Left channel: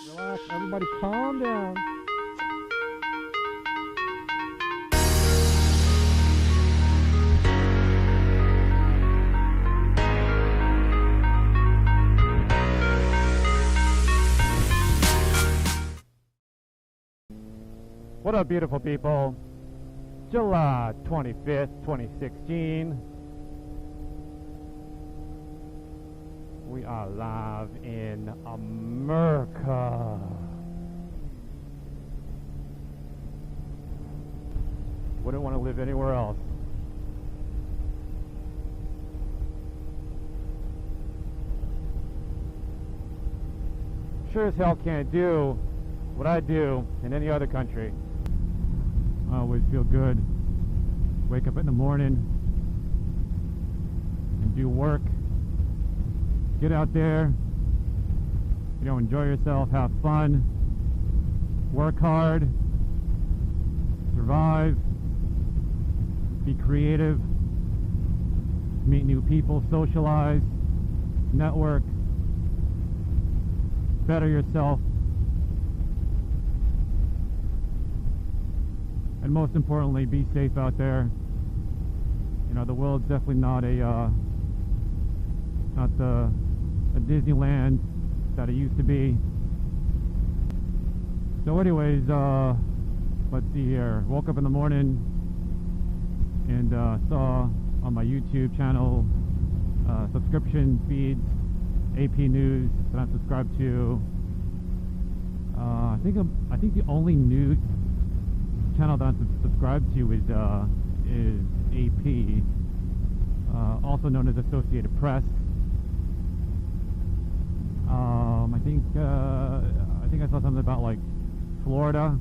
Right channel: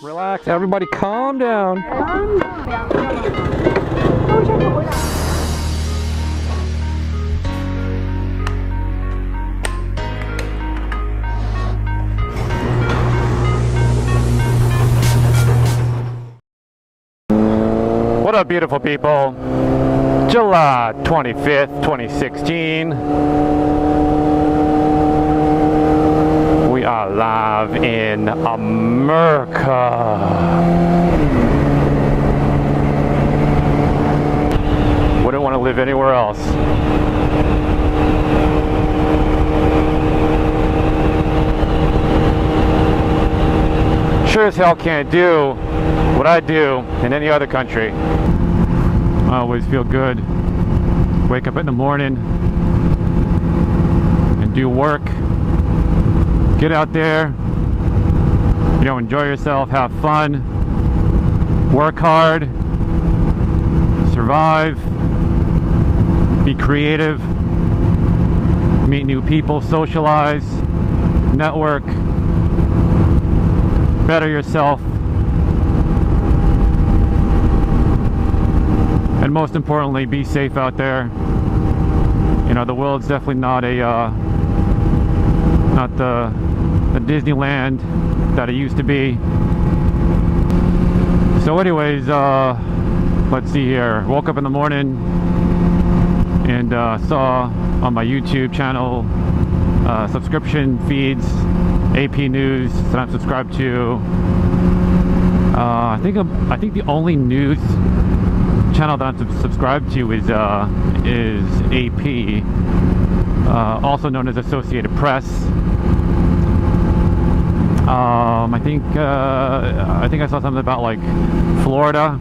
Relax, everybody calm down. What up, beautiful people? July 25th, 2016. We are live in America. Wouldn't want to live anywhere else. Sure as hell can't do what I do in any other country. I always feel good. Wake up in the morning and do work. Get out there, you know, enjoy yourself, have fun, work hard, survive, be creative, meet new people, socialize, network, better yourself, and most importantly, be safe out there. You know, the world's definitely not the Disneyland that it used to be. So anyways, let's see here. Woke up in the morning and saw on my YouTube channel subscription feeds, AP News that I'm subscribed to. I think the only news channel that I'm subscribed to is AP, also known as Associated Press. I think I saw something about like Florida.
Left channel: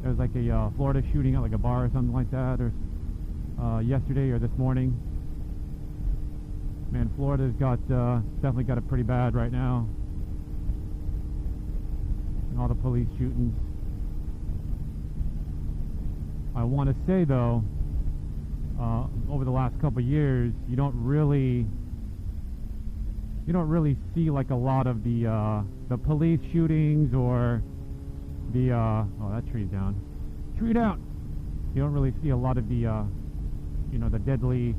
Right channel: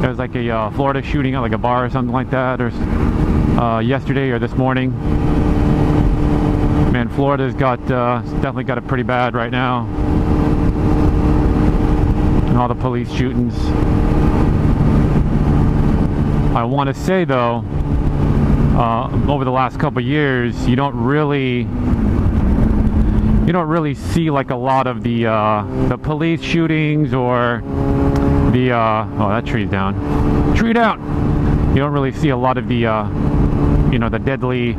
There was like a Florida shooting at like a bar or something like that, or yesterday or this morning. Man, Florida's got definitely got it pretty bad right now. And all the police shootings. I want to say though, over the last couple years, you don't really see like a lot of the police shootings or the oh, that tree's down. Tree down. You don't really see a lot of the you know, the deadly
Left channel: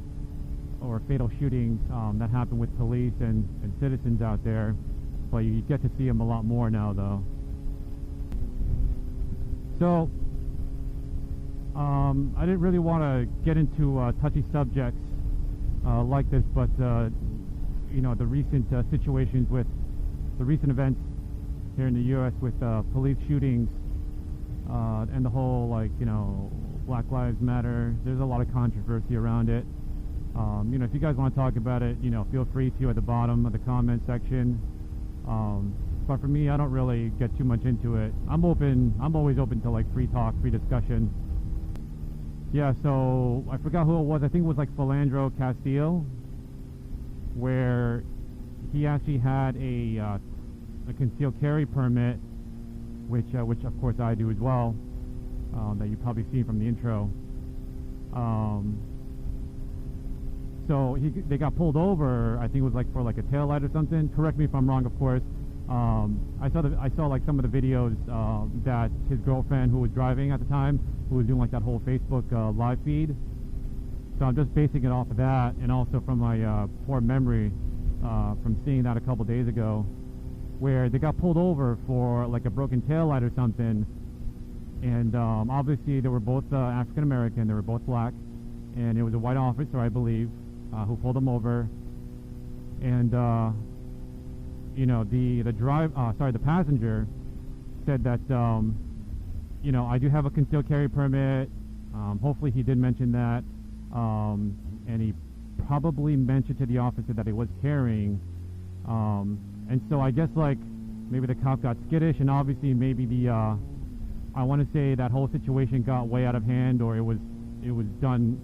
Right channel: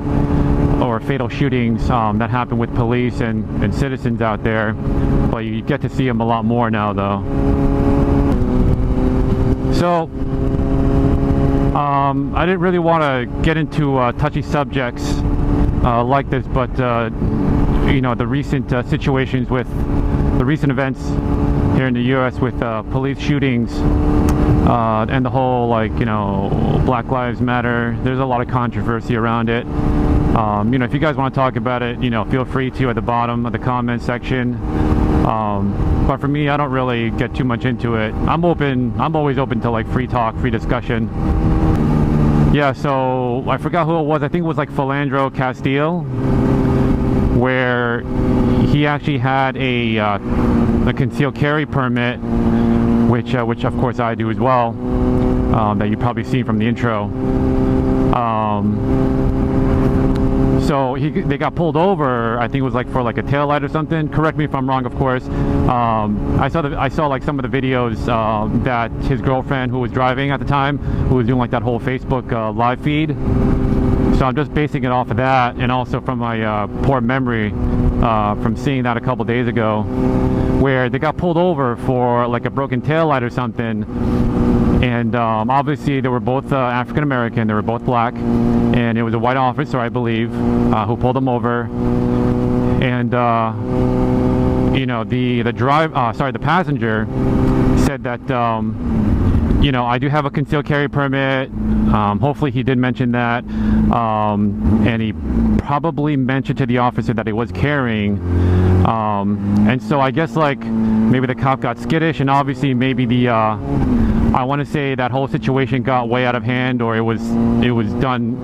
or fatal shootings that happen with police and citizens out there. But you get to see them a lot more now though. So I didn't really want to get into touchy subjects like this, but you know, the recent situations with the recent events here in the U.S. with police shootings and the whole, like, you know, Black Lives Matter. There's a lot of controversy around it. You know, if you guys want to talk about it, you know, feel free to at the bottom of the comment section. But for me, I don't really get too much into it. I'm always open to like free talk, free discussion. Yeah, so I forgot who it was. I think it was like Philandro Castile, where he actually had a concealed carry permit, which of course I do as well, that you've probably seen from the intro. So they got pulled over. I think it was like for like a taillight or something. Correct me if I'm wrong, of course. I saw like some of the videos that his girlfriend, who was driving at the time, who was doing like that whole Facebook live feed. So I'm just basing it off of that, and also from my poor memory from seeing that a couple days ago, where they got pulled over for like a broken taillight or something. And obviously they were both African American, they were both black, and it was a white officer, I believe, who pulled them over. And you know, the passenger said that you know, I do have a concealed carry permit. Hopefully he did mention that, and he probably mentioned to the officer that he was carrying. And so I guess like maybe the cop got skittish, and obviously maybe the I want to say that whole situation got way out of hand, or it was done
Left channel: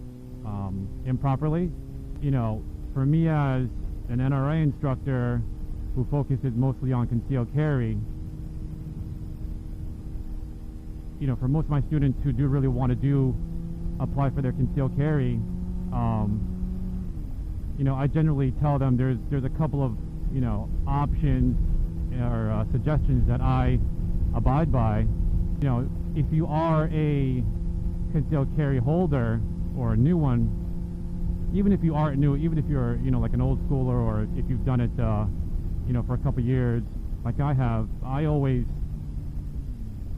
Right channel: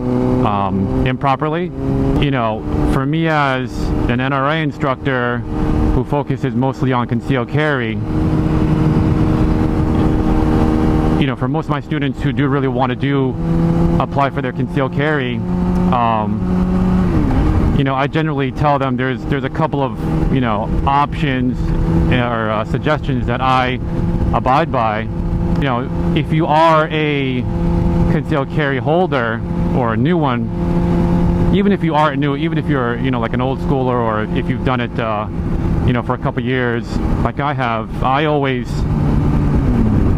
improperly. You know, for me as an NRA instructor who focuses mostly on concealed carry, you know, for most of my students who do really want to apply for their concealed carry, I generally tell them there's a couple of, options or suggestions that I abide by. If you are a concealed carry holder or a new one, even if you aren't new, even if you're, like an old schooler, or if you've done it, for a couple years, like I have, I always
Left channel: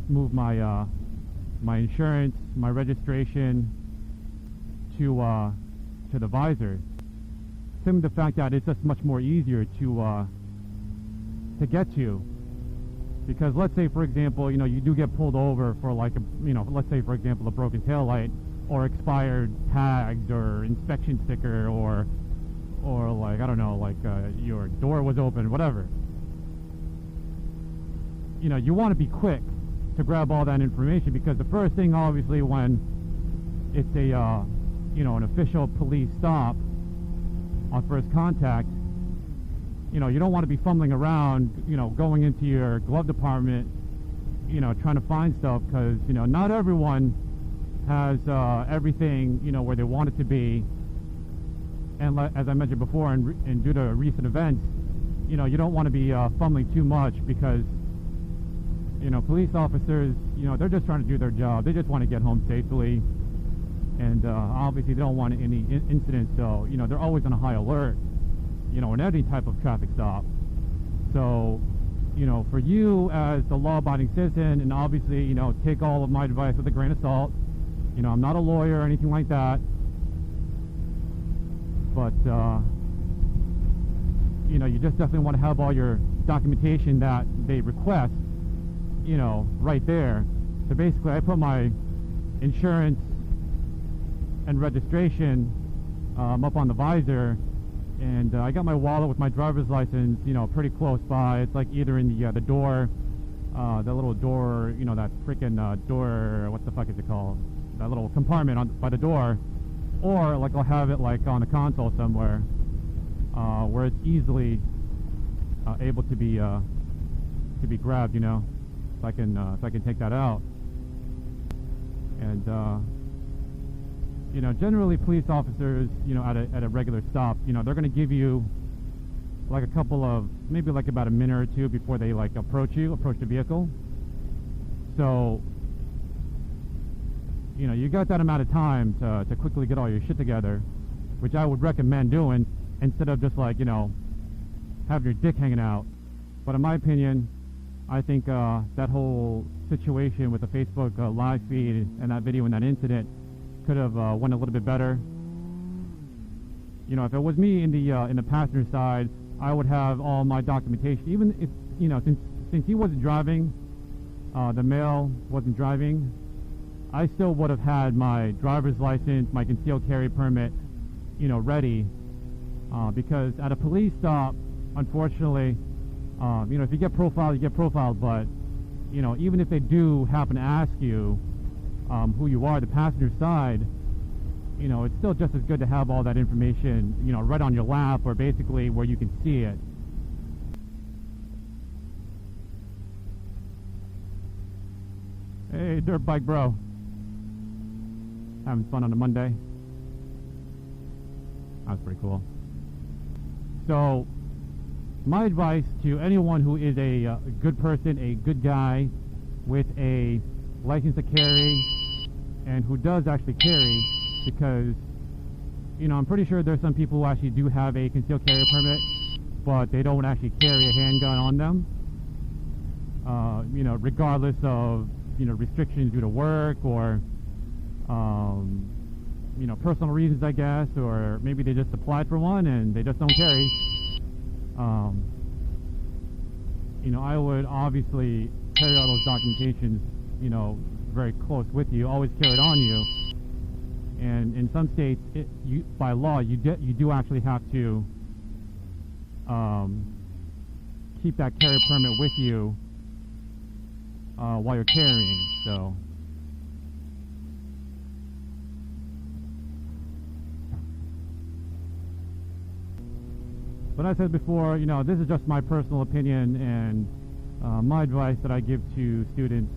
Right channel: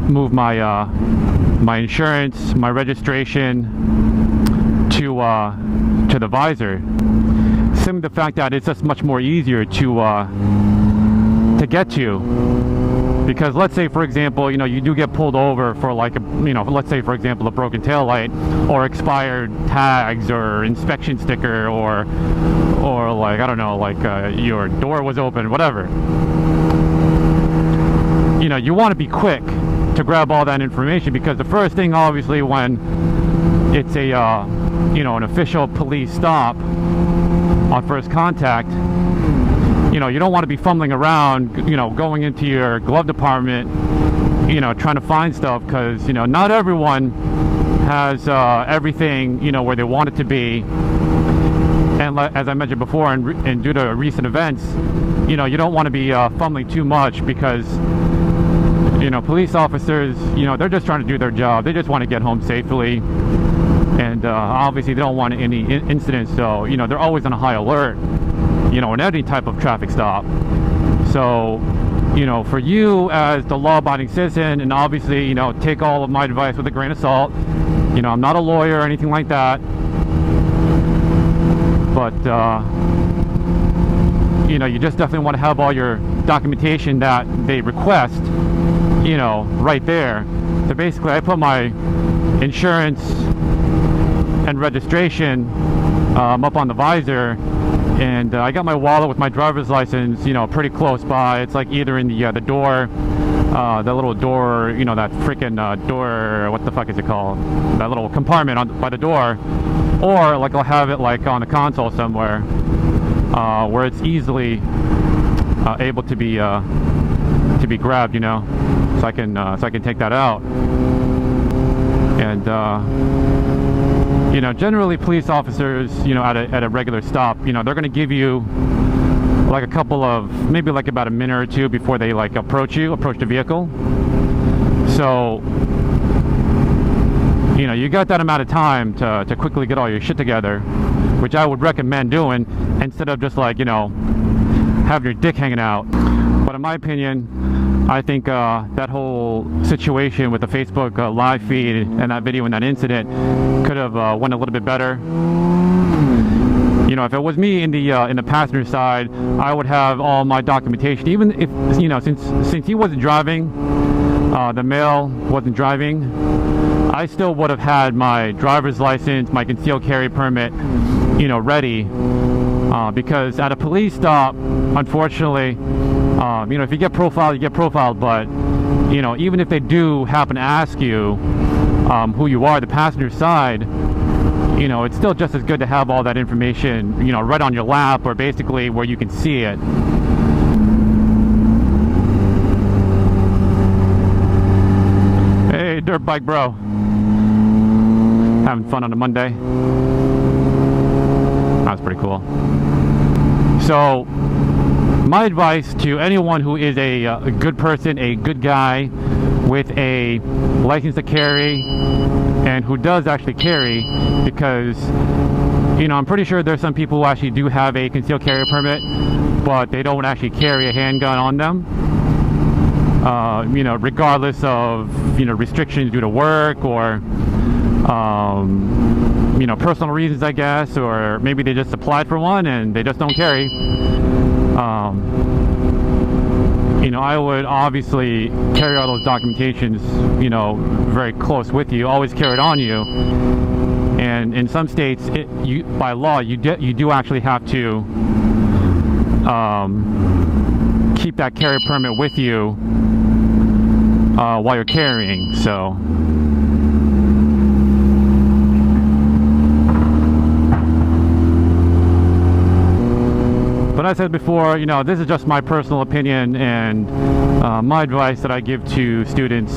move my my insurance, my registration to the visor. Simply the fact that it's just much more easier to get to. Because let's say, for example, you do get pulled over for like a, let's say, for example, a broken tail light or expired tags or inspection sticker, or like, I don't know, like your door was open, whatever. You want to be quick to grab all that information, because the first thing, obviously, when it's a an official police stop on first contact, you don't want to be fumbling around, going into your glove department, trying to find stuff, because, not everyone has everything, where they want it to be. And as I mentioned before, and due to recent events, you don't want to be fumbling too much, because, police officers, they're just trying to do their job. They just want to get home safely. And obviously they don't want any incidents, so, they're always on a high alert, in any type of traffic stop. So, for you as the law-abiding citizen, and obviously, take all of my advice with a grain of salt. I'm not a lawyer or anything like that, but you just definitely want to have all your documentation that they request, right there. So basically, I put my insurance and registration up on the visor, and I got my wallet with my driver's license, pretty close by. It's like either in the door, the little door, that freaking door, what the fuck is it called? That little compartment by the door, or like I'll have it like on the console somewhere, where it's easily able to be grabbed, so I can take that out. And generally police officers, at a regular stop, they're going to give you like a couple of, maybe like about a minute or two before they like approach the vehicle. So, you got that amount of time to quickly get all your shit together, which I would recommend doing, instead of just like, having your dick hanging out. But in my opinion, I think that whole situation with the Facebook live feed and that video and that incident could have went a little bit better. If it was me in the passenger side, I would have all my documentation. Even if, since he wasn't driving, the male wasn't driving, I still would have had my driver's license, my concealed carry permit, ready. Because at a police stop, unfortunately, if you get profiled, you get profiled, but, even if they do happen to ask you who you are, the passenger side, it's still just as good to have all that information, right on your lap, or basically where you can see it. Hey, dirt bike bro. Having fun on a Monday. That was pretty cool. So, my advice to anyone who is a good person, a good guy with a license to carry, and who does actually carry, because I'm pretty sure there's some people who actually do have a concealed carry permit, but they don't actually carry a handgun on them, regardless of restrictions due to work, or personal reasons, I guess, or maybe they just applied for one and they just don't carry. I would obviously carry all those documentations, very close with you. Always carry it on you. And in some states, by law, you do actually have to keep that carry permit with you while you're carrying. So. But as I said before, this is just my personal opinion, and my advice that I give to students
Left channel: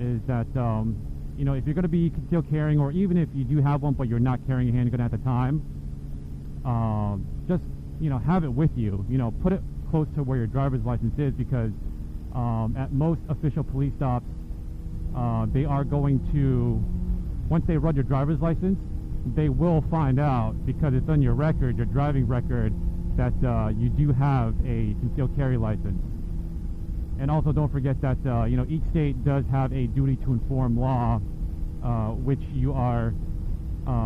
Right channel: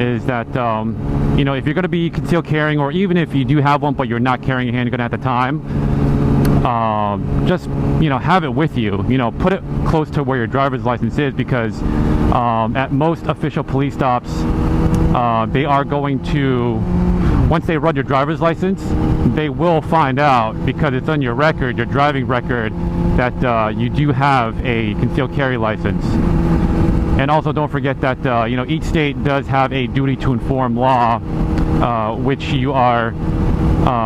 is that, if you're going to be concealed carrying, or even if you do have one but you're not carrying a handgun at the time, just, have it with you. Put it close to where your driver's license is, because at most official police stops, they are going to, once they run your driver's license, they will find out, because it's on your record, your driving record, that you do have a concealed carry license. And also don't forget that each state does have a duty to inform law, which you are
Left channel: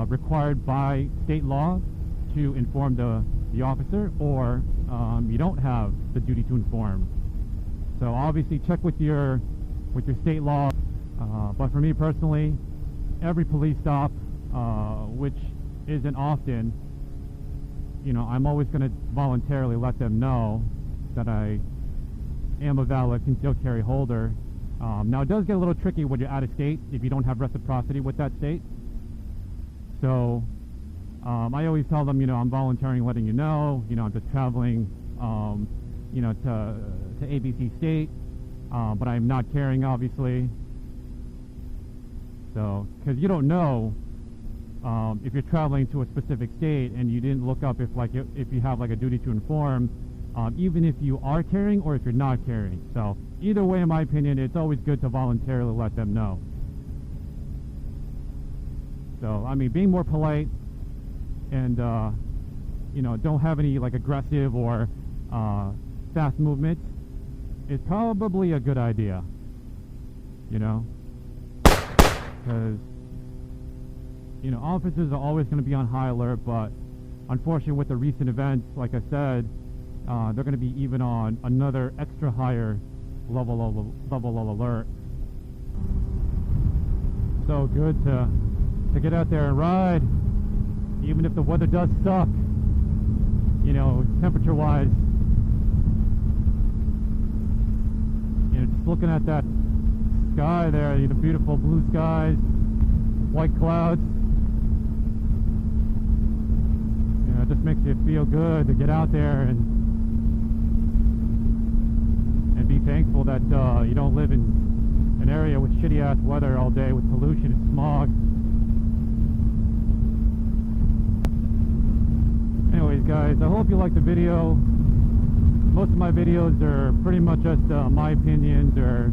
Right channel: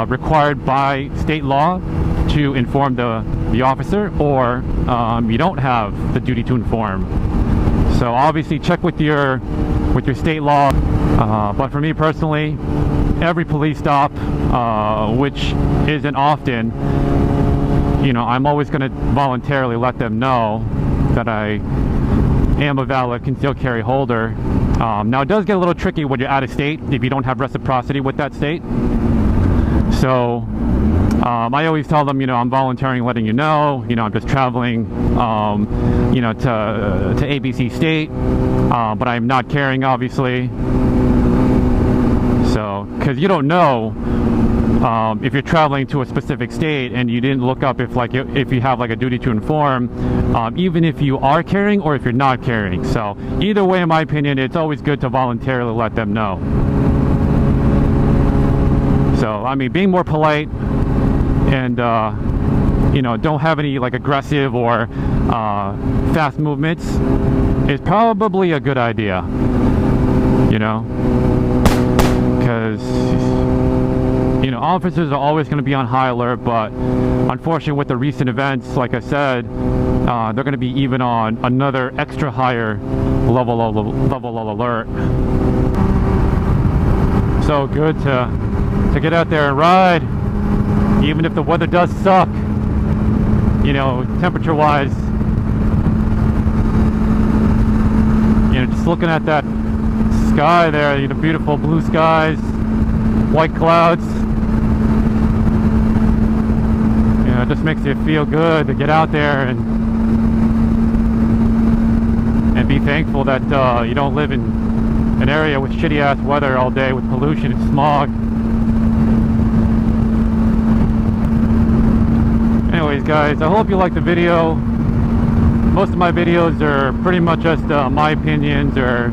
required by state law to inform the officer, or you don't have the duty to inform. So obviously check with your state law. But for me personally, every police stop, which isn't often, I'm always going to voluntarily let them know that I am a valid concealed carry holder. Now it does get a little tricky when you're out of state, if you don't have reciprocity with that state. So I always tell them, I'm volunteering, letting you know, I'm just traveling, to ABC state, but I'm not carrying, obviously. So, because you don't know if you're traveling to a specific state and you didn't look up if you have a duty to inform, even if you are carrying or if you're not carrying. So either way, in my opinion, it's always good to voluntarily let them know. So I mean, being more polite and don't have any aggressive or fast movements is probably a good idea, because officers are always going to be on high alert, but unfortunately with the recent events, like I said, they're going to be even on another extra higher level of alert. So good to get out there and ride, even if the weather does suck, temperature wise. Just looking at that sky there, beautiful blue skies, white clouds, it just makes you feel good to get out there and be thankful that you don't live in an area with shitty ass weather all day with pollution and smog. Anyways guys, I hope you liked the video. Most of my videos are pretty much just my opinions, or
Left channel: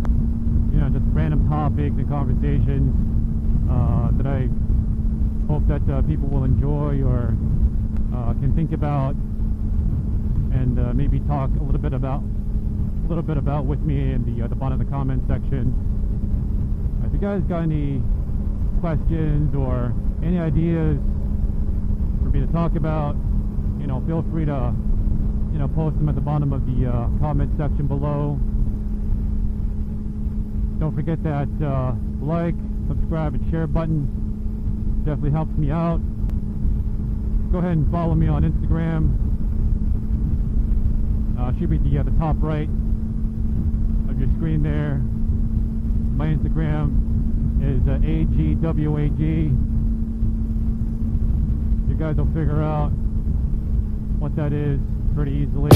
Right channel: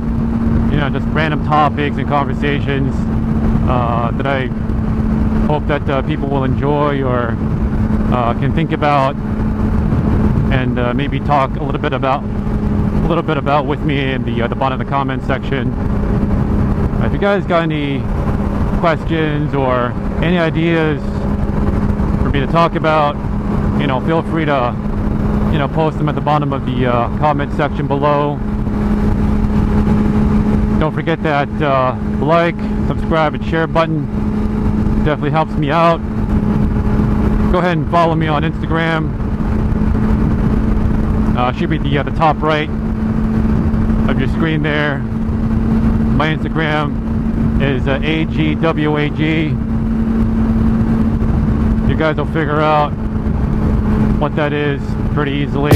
just random topics and conversations that I hope that people will enjoy or can think about, and maybe talk a little bit about with me in the bottom of the comment section. If you guys got any questions or any ideas for me to talk about, feel free to post them at the bottom of the comment section below. Don't forget that like, subscribe, and share button definitely helps me out. Go ahead and follow me on Instagram. Should be the top right of your screen there. My Instagram is AGWAG. You guys will figure out what that is pretty easily.